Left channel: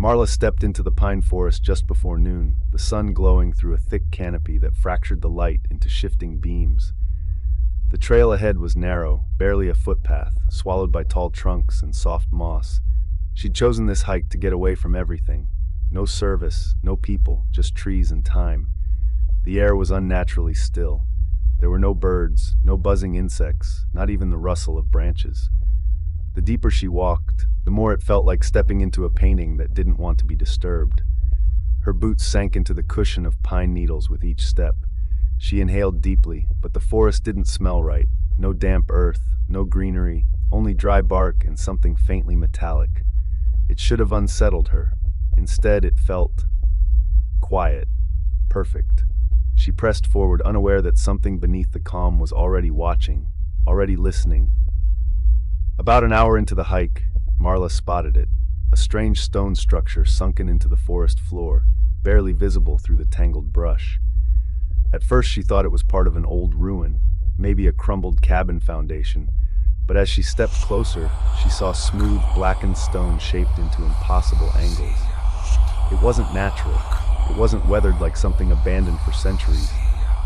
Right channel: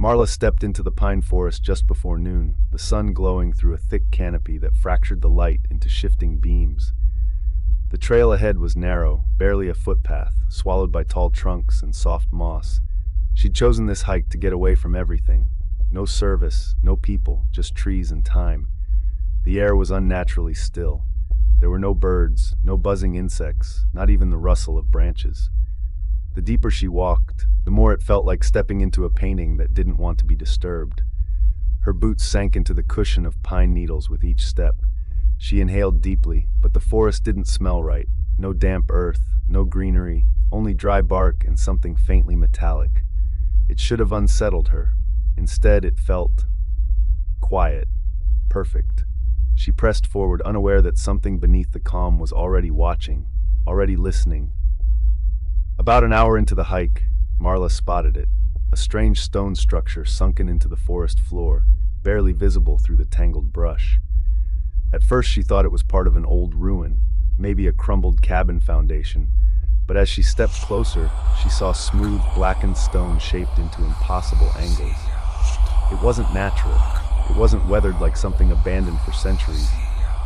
Marla stepped into the pine forest just before noon, the sun glowing through a thick canopy that fractured the light into shifting beams. The trail ahead was narrow, barely a footpath, swallowed by tall trunks and soft moss. She'd chosen this hike to get away from everything. No service, no people, just trees and time. The air was unnaturally still. There were no birds, no buzzing insects, not even the rustle of branches. The deeper she walked, the more it felt like stepping into a painting that didn't want to be disturbed. Her boots sank into the cushion of pine needles with each step. She inhaled deeply, but the forest didn't smell right. No damp earth, no greenery, only dry bark and something faintly metallic. It should have unsettled her. Instead, it felt quiet, perfect. She pressed forward, unaware that something beneath the calm was already watching, already listening. About an hour into the hike, Marla spotted it, a strange stone structure sunken into the forest floor, barely visible through the tangled brush. At first she thought it was part of an old ruin, maybe a crumbled cabin foundation, but as she stepped closer, she saw smooth, blackened stone shaped into impossible angles. It wasn't natural. It wasn't weathered like something abandoned for centuries.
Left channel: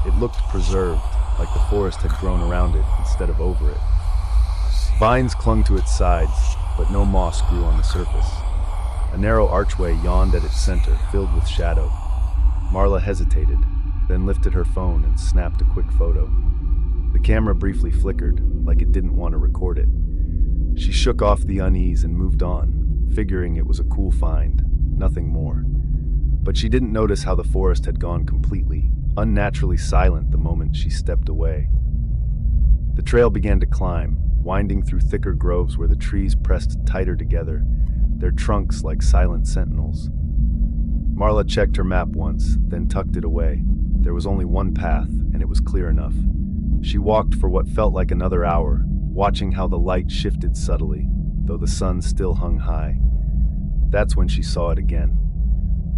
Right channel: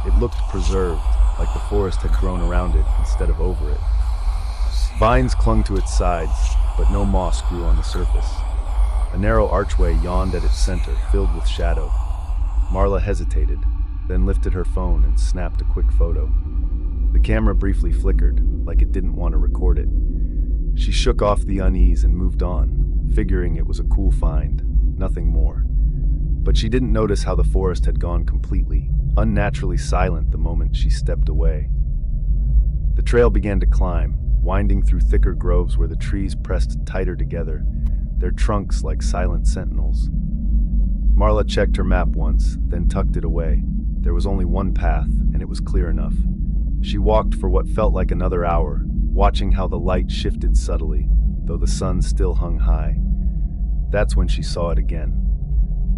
It looked preserved, like the forest had grown around it instead of over it. Vines clung to its sides, but no moss grew on the surface. A narrow archway yawned at its center, filled with shadow. Marla hesitated, then lifted her phone and snapped a quick photo. The camera briefly flickered, like it didn't want to record it. She shook off the unease and moved on, figuring it was a cool find, nothing more. But she didn't notice how the forest had gone completely, unnaturally silent the moment she stepped away. The trail began to climb, winding through thicker groves where the trees pressed tighter together, their trunks like silent sentinels. Marla checked her map once, then tucked it away. There was only one path, and it was clear enough. She walked for what felt like another hour, watching how the light shifted subtly, though the sun still hung high. That's when she saw it again.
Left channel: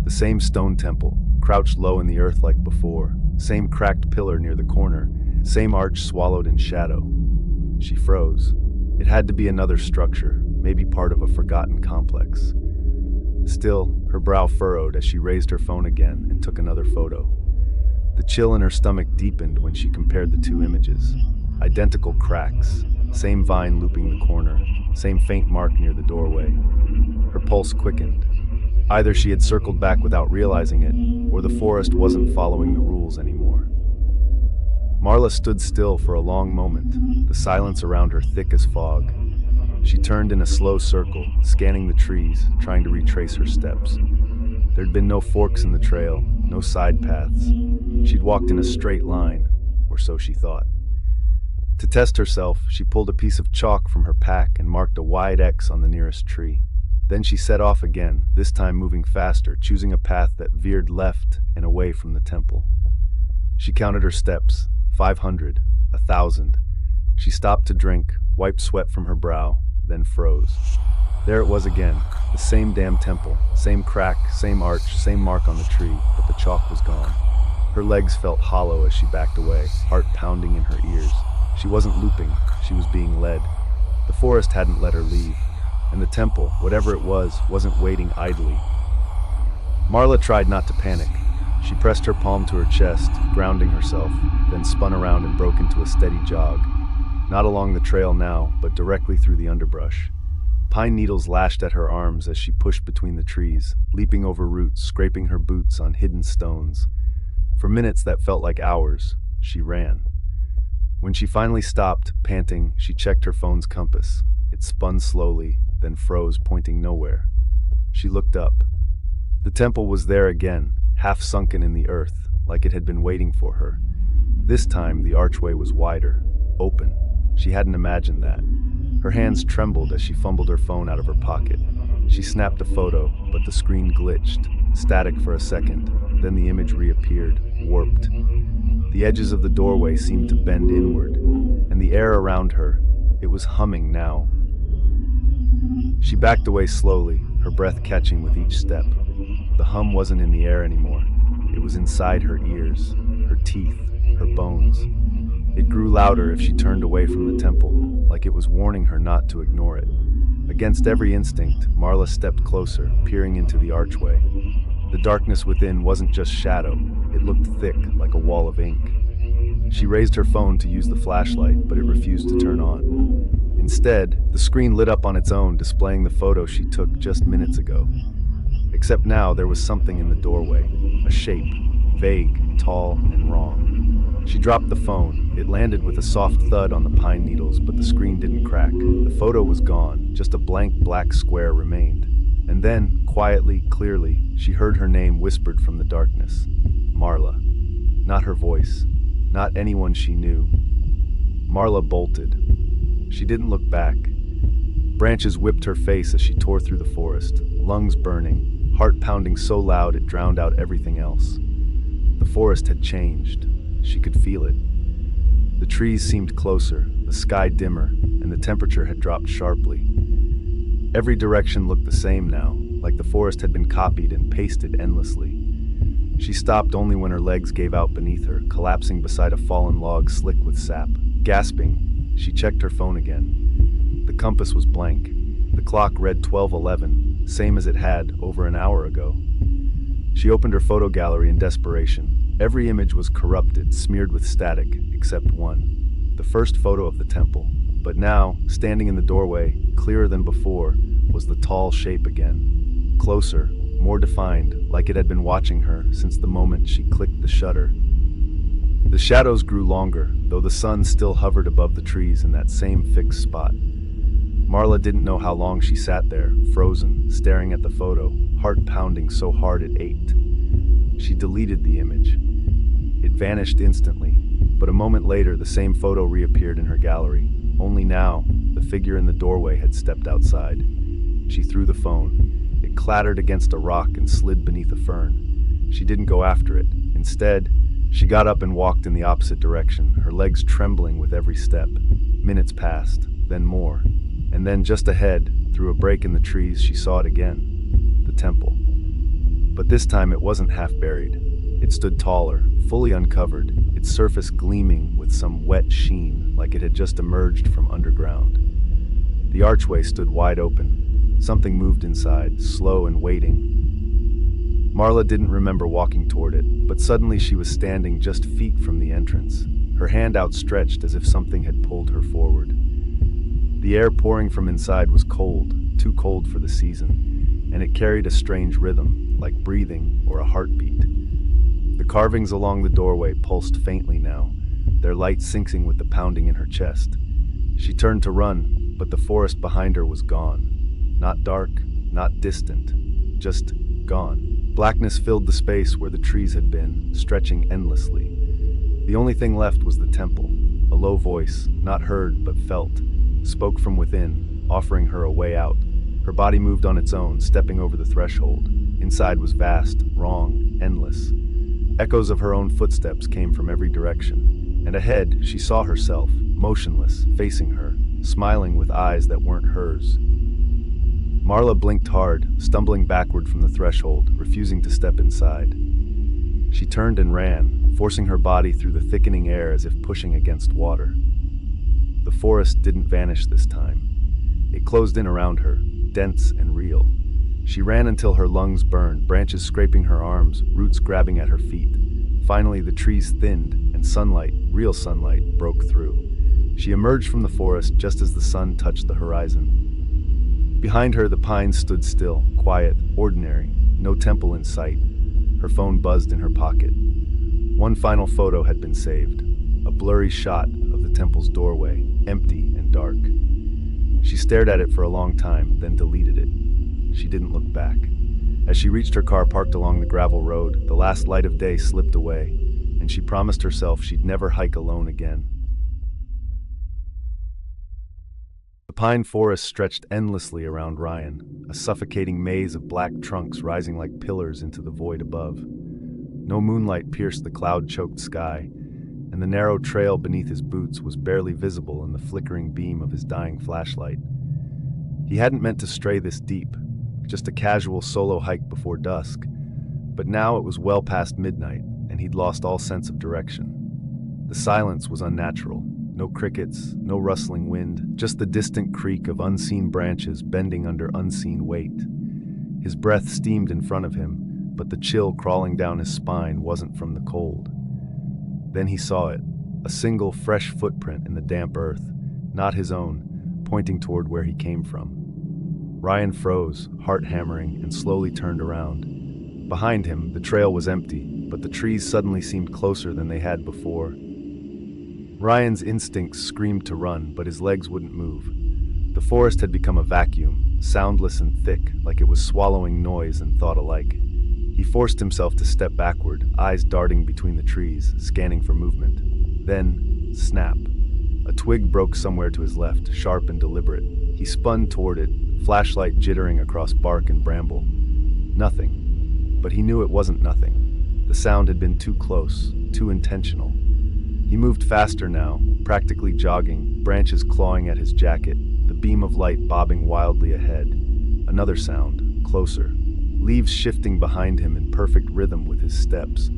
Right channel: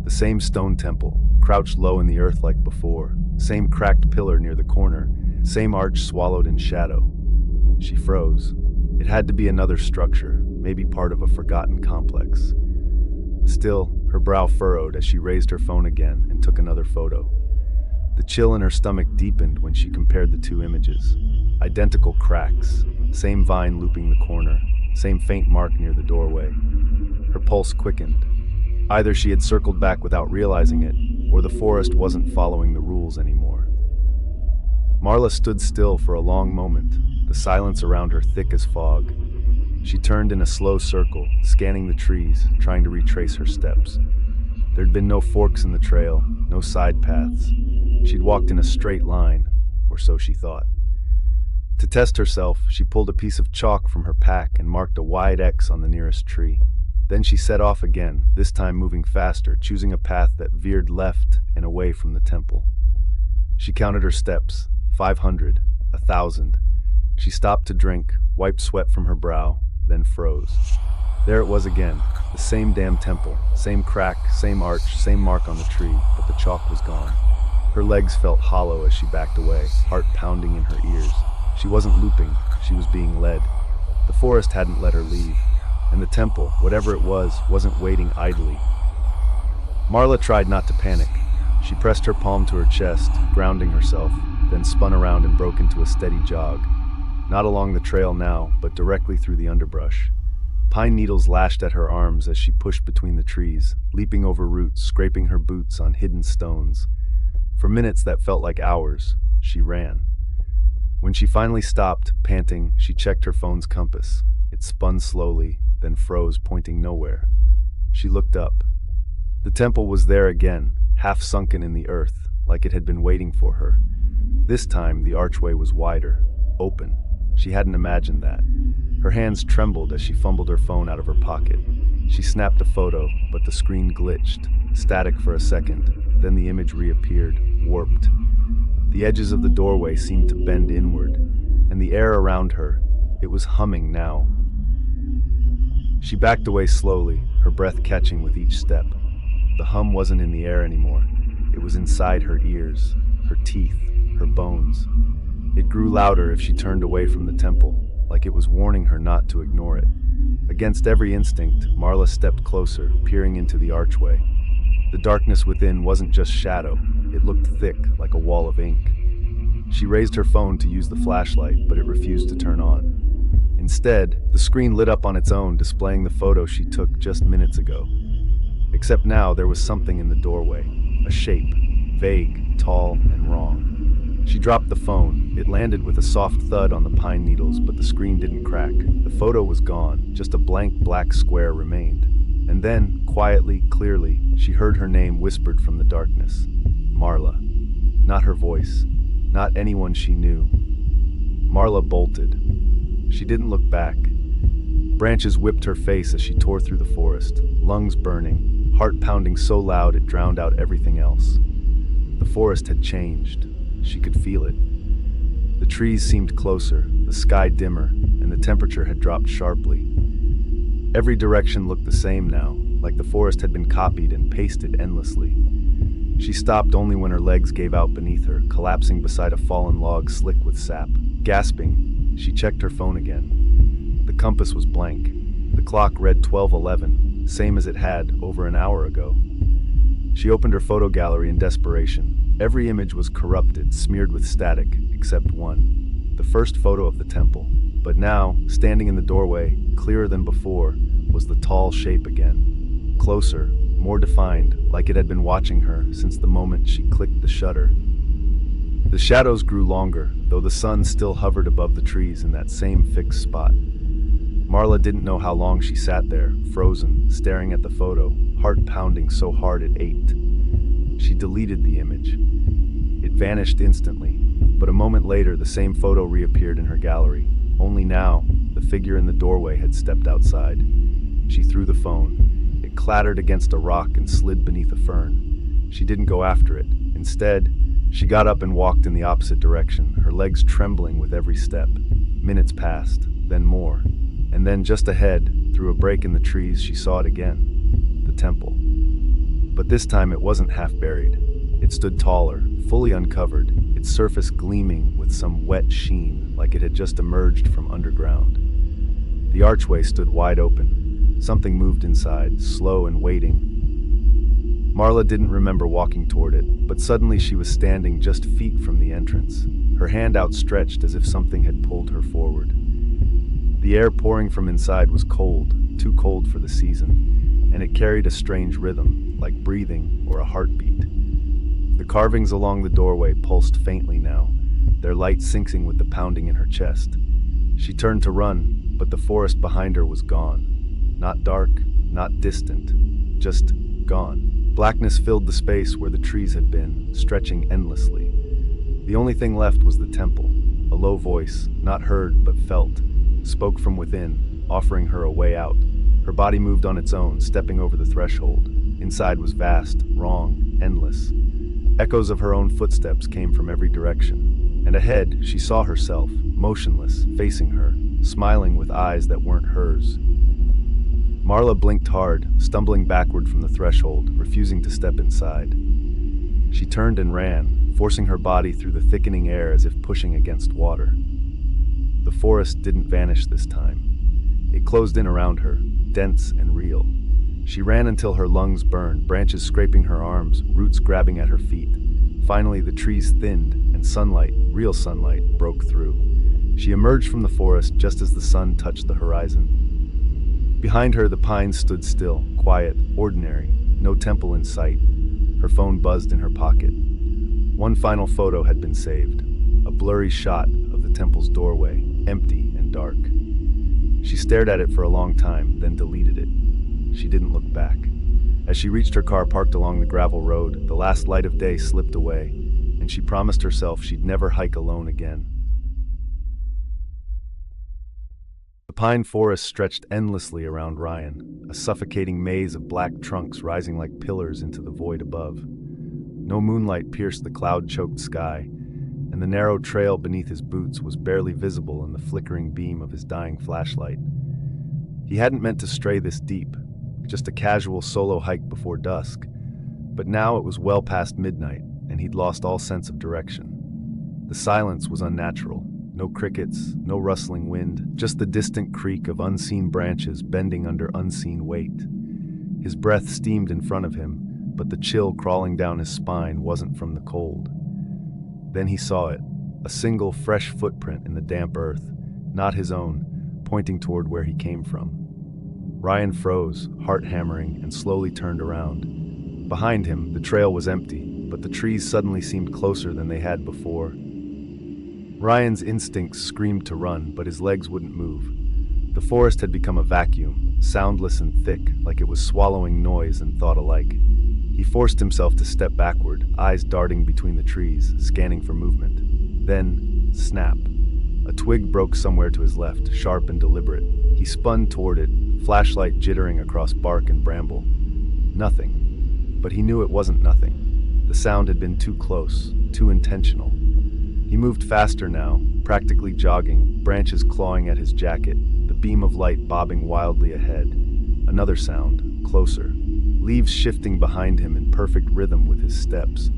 The same stone temple, crouched low in the earth like before, same cracked pillar near the corner, same arch swallowed in shadow. She froze. It had to be another structure, maybe part of a forgotten complex. Still, her brow furrowed as she raised her phone again and took another photo. The chill in her stomach deepened when she compared the two images. Identical cracks, same vine looping the corner, same faint mark near the doorway. Her pulse quickened. Either she had circled back without realizing it, or the forest wasn't following the rules anymore. Marla stood still for a long moment, the silence around her thick as fog. She turned in a slow circle, scanning the trees, trying to retrace her steps. There'd been no forks in the trail, no side paths. She'd walked in a straight line, or so she thought. To test herself, she pulled a piece of chalk from her pack and marked a wide X on the nearest tree. Then she set off again, this time moving faster, choosing a path that veered left and away from the temple. She counted her steps, 500, 1,000. She stopped to drink, wiped sweat from her brow, then froze. There it was again, the same damn temple, same crack, same arch, same mark on the tree, but the chalk was gone. Her legs felt hollow as she backed away, heart pounding in her ears. She wasn't looping, she was being led. The forest hadn't let her leave, and the temple, whatever it was, wasn't waiting idly. Marla tried not to panic. She pressed her palm to her chest, grounding herself, then spun around and broke into a steady jog. Not along the trail now, but directly through the underbrush. Pine needles lashed at her arms as she pushed between the trees, leaping over roots, scraping her boots on hidden stones. For minutes that felt like hours, she ran. When she finally stopped, panting, she checked her phone's compass. It spun slowly, then froze, pointing nowhere. She looked up. The temple was there again, half sunken in the earth, like it had been waiting for her. This time, the archway was wider, open. She hadn't imagined that. Her hands trembled as she fumbled her phone out of her pocket. She snapped a photo, but the screen glitched, static for a second. Then the image reappeared, warped. The edges of the doorway seemed to bend inward, and the air around her, it was humming now. She backed away slowly, her breath catching with each step. The hum wasn't in the air anymore. It was inside her ears, her teeth, her bones. It grew louder if she turned away from the temple, like it was warning her not to ignore it. Against every instinct, Marla stepped closer, peering into the archway. The darkness within wasn't just shadow, it looked thick, like a wall of ink. She raised her phone to use the flashlight, but it refused to turn on. Instead, the screen lit up on its own, displaying the photo she took just minutes ago. Except now there was something in the doorway, a shape, vague, tall, and wrong. She dropped the phone. It landed with a soft thud on the pine needles, but the screen didn't crack. The photo was gone, just a blank black square remained. And then, quietly, clearly, she heard her name whispered from the darkness. Marla. Not her voice. Not anyone she knew. Marla bolted. She didn't look back. Branches whipped her face as she tore through the forest, lungs burning, heart pounding so loud it drowned out everything else. The forest had changed. She could feel it. The trees seemed closer, the sky dimmer, and the temperature had dropped sharply. Every direction looked the same now, like the forest had been copied and pasted endlessly. She stopped only when her legs gave out beneath her, collapsing beside a fallen log slick with sap. Gasping, she checked her phone again. The compass was blank. The clock read 12:11, same as it had over an hour ago. She opened her photo gallery in desperation. Every image was corrupted, smeared with static, except one. The first photo of the temple. But now, standing in the doorway, clearer than before, was the tall shape again. Closer, more defined, like it had been watching her since the moment she clicked the shutter. The shadows grew longer, though the sun still hovered above the trees in that same fixed spot. Marla didn't know how long she sat there, frozen, staring at the photo, heart pounding so hard it ached. She deleted the image. It vanished instantly, but a moment later the same photo reappeared in her gallery. Only now, the figure in the doorway had stepped outside. She threw the phone. It clattered against a rock and slid beneath a fern. She didn't go after it. Instead, she got up and walked in the opposite direction, her legs trembling with every step. Minutes passed, then more. And then just ahead, through a break in the trees, she saw it again. The temple. But this time it wasn't half buried. It stood taller, fully uncovered, its surface gleaming with some wet sheen, like it had just emerged from underground. The archway stood wide open. Something moved inside, slow and waiting. Marla didn't remember walking toward it, but suddenly she was standing just feet from the entrance, her hand outstretched as if something had pulled her forward. The air pouring from inside was cold, too cold for the season, and it carried a strange rhythm, like breathing or a heartbeat. The carvings along the doorway pulsed faintly now, their light syncing with the pounding in her chest. She turned to run, but the forest behind her was gone. Not dark, not distant, just gone. Blackness filled the space where the trees had been, stretching endlessly. The only thing left was the temple. A low voice, not heard but felt, spoke from within, offering her a way out. Her body moved on its own, stepping over the threshold. Inside was vast, wrong, endless. Echoes of her own footsteps came from every direction. And ahead, she saw herself, motionless, facing her, smiling with eyes that weren't hers. Marla blinked hard, stumbling backward from the threshold, refusing to step inside. She turned and ran, forcing her body through the thickening air as if pushing against water. The forest didn't vanish this time. It closed in around her, dense and real. She ran until her lungs burned, branches scraping her arms, roots grabbing at her feet. Finally, the trees thinned, and sunlight, real sunlight, broke through. She emerged from the forest just as the sun touched the horizon. Behind her, the pines stood still, quiet, ordinary, no temple in sight. Her phone buzzed in her pocket. One final photo had been saved, a blurry shot of the temple's doorway, empty and dark. She stared at it for a long time, then deleted it. She didn't look back. As she reached her car parked along the gravel road, the last light of day slipped away, and she promised herself she'd never hike alone again. The pine forest stretched endlessly around Ryan, a suffocating maze of black trunks rising like pillars into the void above. No moonlight pierced the cloud-choked sky, and the narrow trail beneath his boots was barely visible in the flickering beam of his dying flashlight. He hadn't meant to stray this deep, just a casual solo hike before dusk, but now it was well past midnight, and he'd lost all sense of direction. The silence was unnatural, No crickets, no rustling wind, just the distant creak of unseen branches bending under unseen weight. His breath steamed in front of him, but the chill crawling down his spine wasn't from the cold. Then he saw it, a single fresh footprint in the damp earth, not his own, pointing toward where he came from. Ryan froze, heart hammering, and slowly turned around. Behind him, the trail was empty, but the trees suddenly seemed closer than they had before. Ryan's instincts screamed to run, but his legs wouldn't move. The forest had become a vacuum, soundless and thick, like it was swallowing noise and thought alike. He forced himself to step backward, eyes darting between the trees, scanning for movement. Then, snap. A twig broke somewhere to his left, sharp and deliberate. He spun toward it, flashlight jittering across bark and bramble. Nothing. But he knew it wasn't nothing. The sound had been too close, too intentional. He moved faster now, practically jogging, branches clawing at his jacket, the beam of light bobbing wildly ahead. Another sound, closer. Leaves shifting behind him in perfect rhythm with his steps.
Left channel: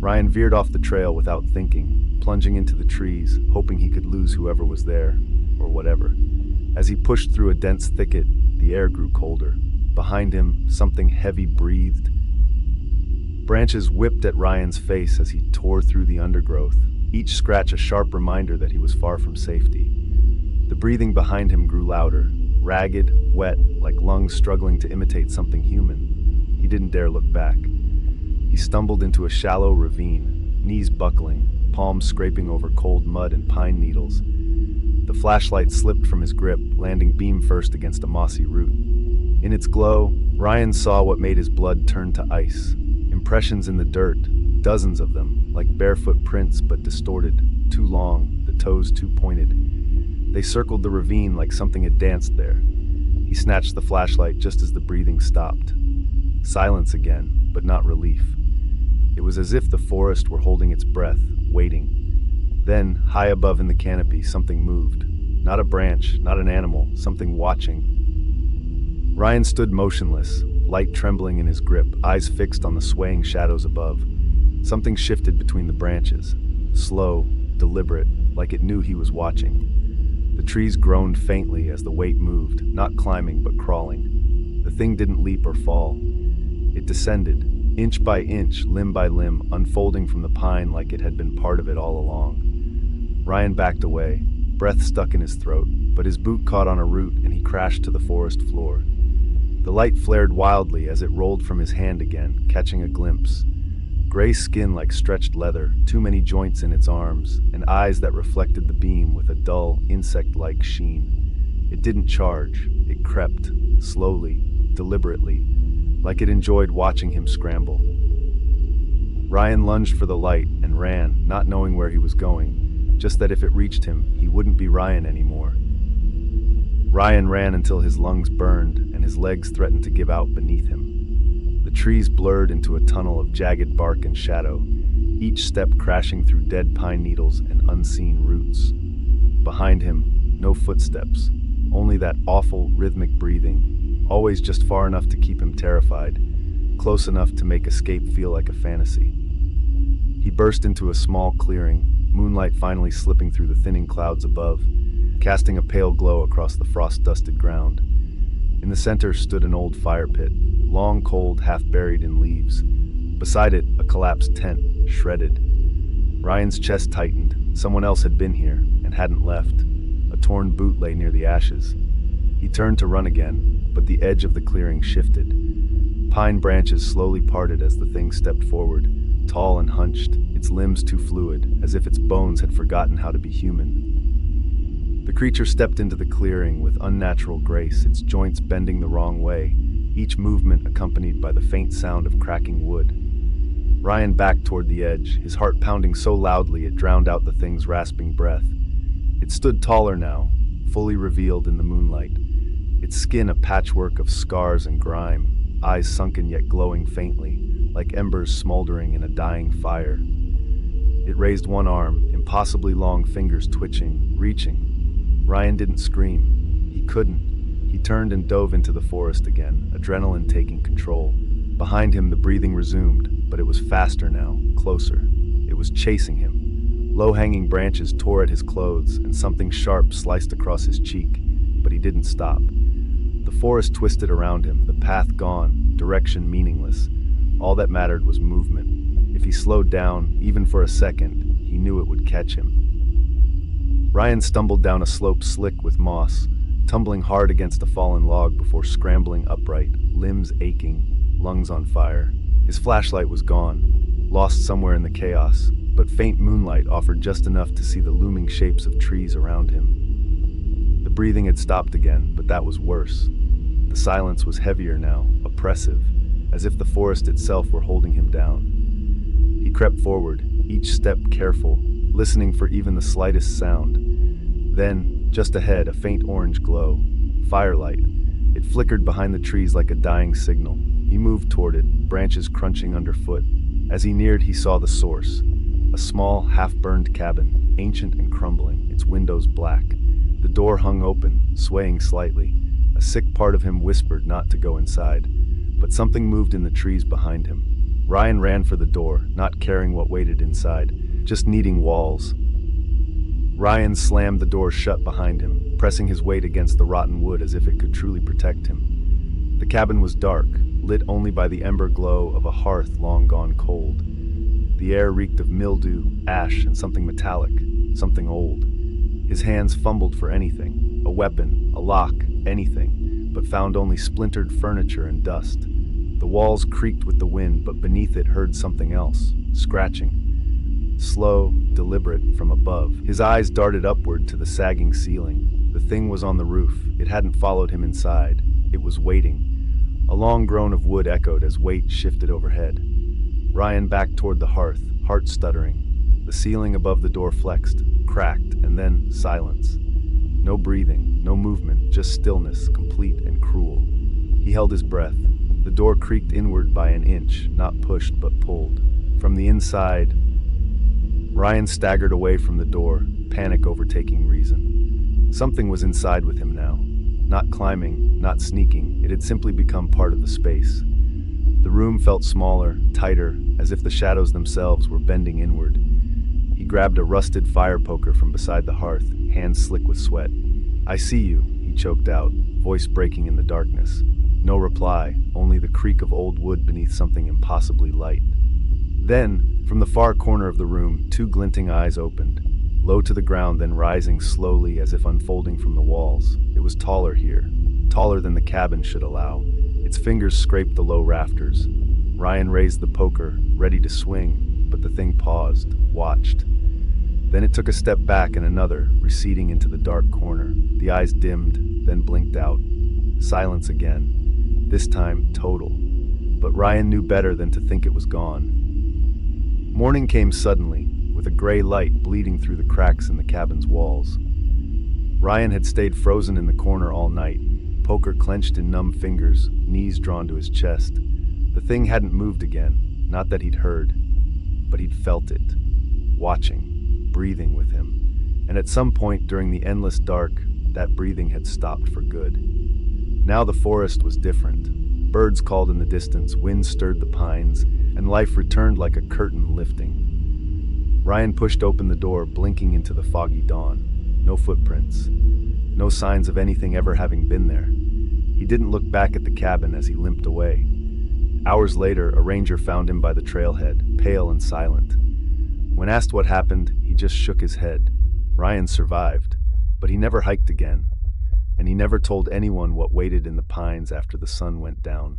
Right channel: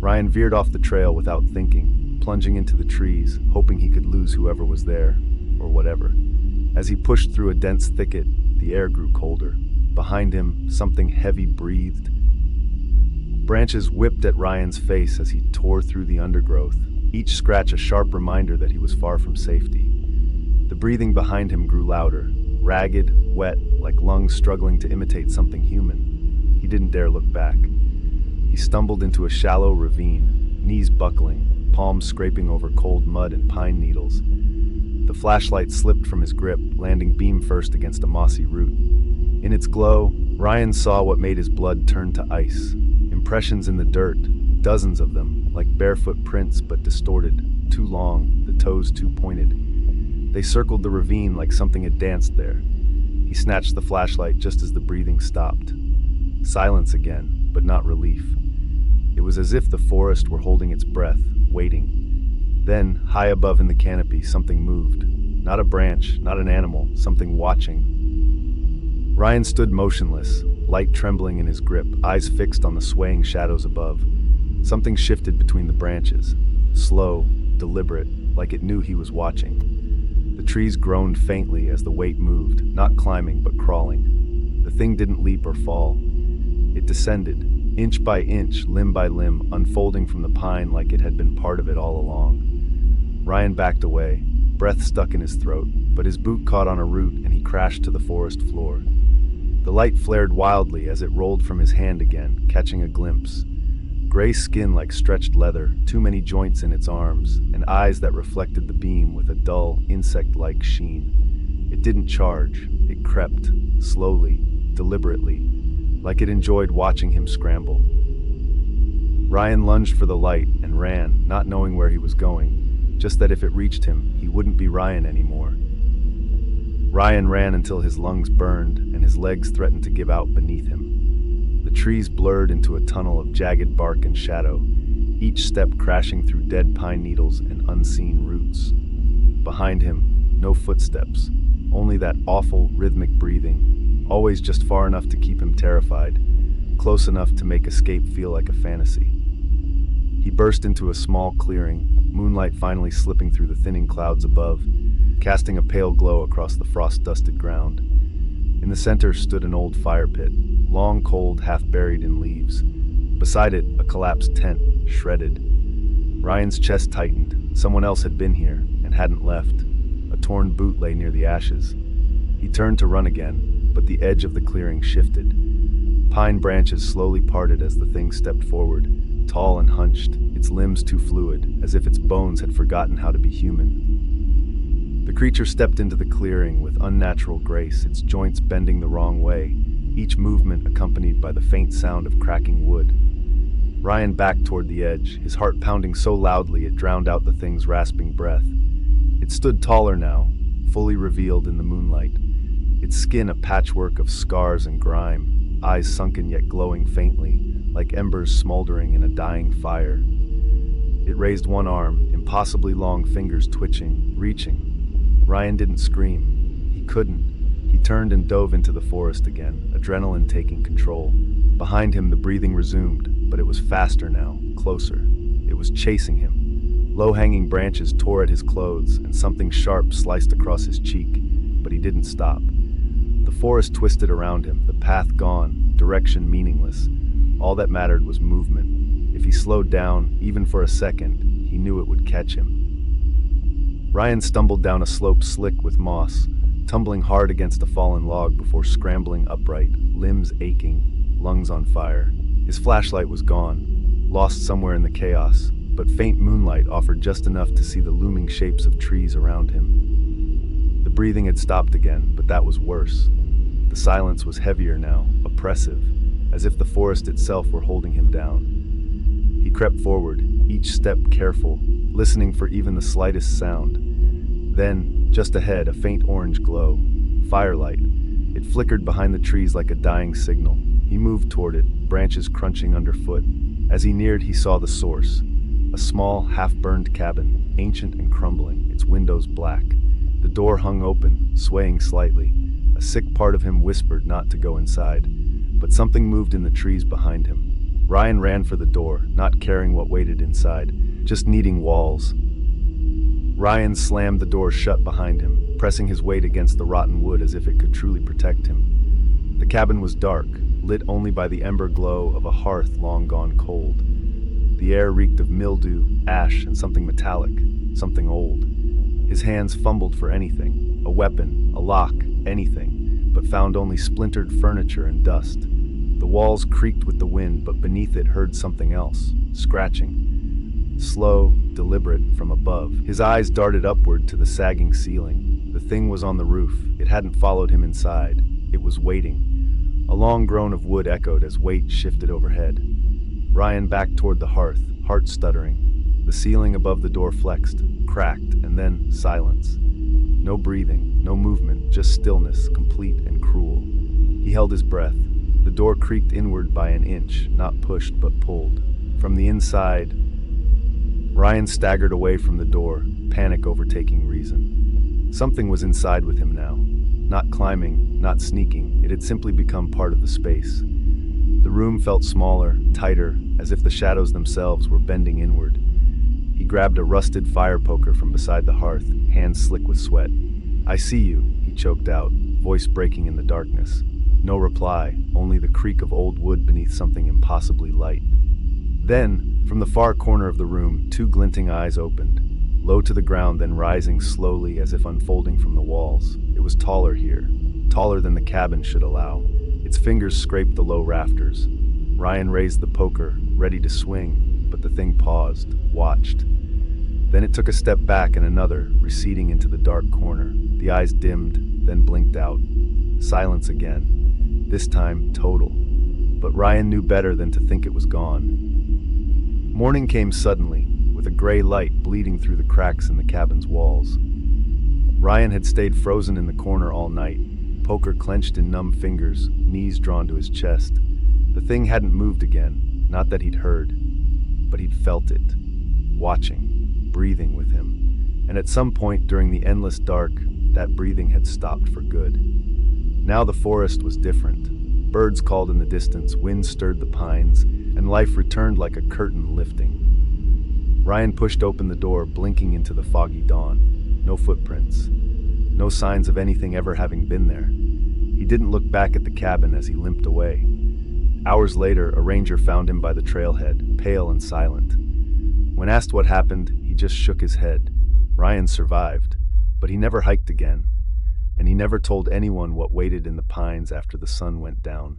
Ryan veered off the trail without thinking, plunging into the trees, hoping he could lose whoever was there, or whatever. As he pushed through a dense thicket, the air grew colder. Behind him, something heavy breathed. Branches whipped at Ryan's face as he tore through the undergrowth, each scratch a sharp reminder that he was far from safety. The breathing behind him grew louder, ragged, wet, like lungs struggling to imitate something human. He didn't dare look back. He stumbled into a shallow ravine, knees buckling, palms scraping over cold mud and pine needles. The flashlight slipped from his grip, landing beam first against a mossy root. In its glow, Ryan saw what made his blood turn to ice. Impressions in the dirt, dozens of them, like barefoot prints but distorted, too long, the toes too pointed. They circled the ravine like something had danced there. He snatched the flashlight just as the breathing stopped. Silence again, but not relief. It was as if the forest were holding its breath, waiting. Then, high above in the canopy, something moved. Not a branch, not an animal, something watching. Ryan stood motionless, light trembling in his grip, eyes fixed on the swaying shadows above. Something shifted between the branches, slow, deliberate, like it knew he was watching. The trees groaned faintly as the weight moved, not climbing but crawling. The thing didn't leap or fall. It descended, inch by inch, limb by limb, unfolding from the pine like it had been part of it all along. Ryan backed away, breath stuck in his throat, but his boot caught on a root and he crashed to the forest floor. The light flared wildly as it rolled from his hand again, catching a glimpse. Gray skin like stretched leather, too many joints in its arms, and eyes that reflected the beam with a dull, insect-like sheen. It didn't charge. It crept, slowly, deliberately, like it enjoyed watching him scramble. Ryan lunged for the light and ran, not knowing where he was going, just that if it reached him, he wouldn't be Ryan anymore. Ryan ran until his lungs burned and his legs threatened to give out beneath him. The trees blurred into a tunnel of jagged bark and shadow, each step crashing through dead pine needles and unseen roots. Behind him, no footsteps, only that awful, rhythmic breathing, always just far enough to keep him terrified, close enough to make escape feel like a fantasy. He burst into a small clearing, moonlight finally slipping through the thinning clouds above, casting a pale glow across the frost-dusted ground. In the center stood an old fire pit, long cold, half buried in leaves. Beside it, a collapsed tent, shredded. Ryan's chest tightened. Someone else had been here, and hadn't left. A torn boot lay near the ashes. He turned to run again, but the edge of the clearing shifted. Pine branches slowly parted as the thing stepped forward, tall and hunched, its limbs too fluid, as if its bones had forgotten how to be human. The creature stepped into the clearing with unnatural grace, its joints bending the wrong way, each movement accompanied by the faint sound of cracking wood. Ryan backed toward the edge, his heart pounding so loudly it drowned out the thing's rasping breath. It stood taller now, fully revealed in the moonlight, its skin a patchwork of scars and grime, eyes sunken yet glowing faintly, like embers smoldering in a dying fire. It raised one arm, impossibly long fingers twitching, reaching. Ryan didn't scream. He couldn't. He turned and dove into the forest again, adrenaline taking control. Behind him, the breathing resumed, but it was faster now, closer. It was chasing him, Low-hanging branches tore at his clothes, and something sharp sliced across his cheek, but he didn't stop. The forest twisted around him, the path gone, direction meaningless. All that mattered was movement. If he slowed down, even for a second, he knew it would catch him. Ryan stumbled down a slope slick with moss, tumbling hard against a fallen log before scrambling upright, limbs aching, lungs on fire. His flashlight was gone, lost somewhere in the chaos, but faint moonlight offered just enough to see the looming shapes of trees around him. The breathing had stopped again, but that was worse. The silence was heavier now, oppressive, as if the forest itself were holding him down. He crept forward, each step careful, listening for even the slightest sound. Then, just ahead, a faint orange glow. Firelight. It flickered behind the trees like a dying signal. He moved toward it, branches crunching underfoot. As he neared, he saw the source. A small, half-burned cabin, ancient and crumbling, its windows black. The door hung open, swaying slightly. A sick part of him whispered not to go inside. But something moved in the trees behind him. Ryan ran for the door, not caring what waited inside, just needing walls. Ryan slammed the door shut behind him, pressing his weight against the rotten wood as if it could truly protect him. The cabin was dark, lit only by the ember glow of a hearth long gone cold. The air reeked of mildew, ash, and something metallic, something old. His hands fumbled for anything, a weapon, a lock, anything, but found only splintered furniture and dust. The walls creaked with the wind, but beneath it heard something else, scratching. Slow, deliberate, from above. His eyes darted upward to the sagging ceiling. The thing was on the roof. It hadn't followed him inside. It was waiting. A long groan of wood echoed as weight shifted overhead. Ryan backed toward the hearth, heart stuttering. The ceiling above the door flexed, cracked, and then silence. No breathing, no movement, just stillness, complete and cruel. He held his breath. The door creaked inward by an inch, not pushed but pulled. From the inside, Ryan staggered away from the door, panic overtaking reason. Something was inside with him now. Not climbing, not sneaking, it had simply become part of the space. The room felt smaller, tighter, as if the shadows themselves were bending inward. He grabbed a rusted fire poker from beside the hearth, hands slick with sweat. "I see you," he choked out, voice breaking in the darkness. No reply, only the creak of old wood beneath something impossibly light. Then, from the far corner of the room, two glinting eyes opened, low to the ground then rising slowly as if unfolding from the walls. It was taller here, taller than the cabin should allow. Its fingers scraped the low rafters. Ryan raised the poker, ready to swing, but the thing paused, watched. Then it took a step back and another, receding into the dark corner. The eyes dimmed, then blinked out. Silence again, this time total. But Ryan knew better than to think it was gone. Morning came suddenly, with a gray light bleeding through the cracks in the cabin's walls. Ryan had stayed frozen in the corner all night, poker clenched in numb fingers, knees drawn to his chest. The thing hadn't moved again, not that he'd heard, but he'd felt it, watching, breathing with him. And at some point during the endless dark, that breathing had stopped for good. Now the forest was different. Birds called in the distance, wind stirred the pines, and life returned like a curtain lifting. Ryan pushed open the door, blinking into the foggy dawn. No footprints. No signs of anything ever having been there. He didn't look back at the cabin as he limped away. Hours later, a ranger found him by the trailhead, pale and silent. When asked what happened, he just shook his head. Ryan survived, but he never hiked again. And he never told anyone what waited in the pines after the sun went down.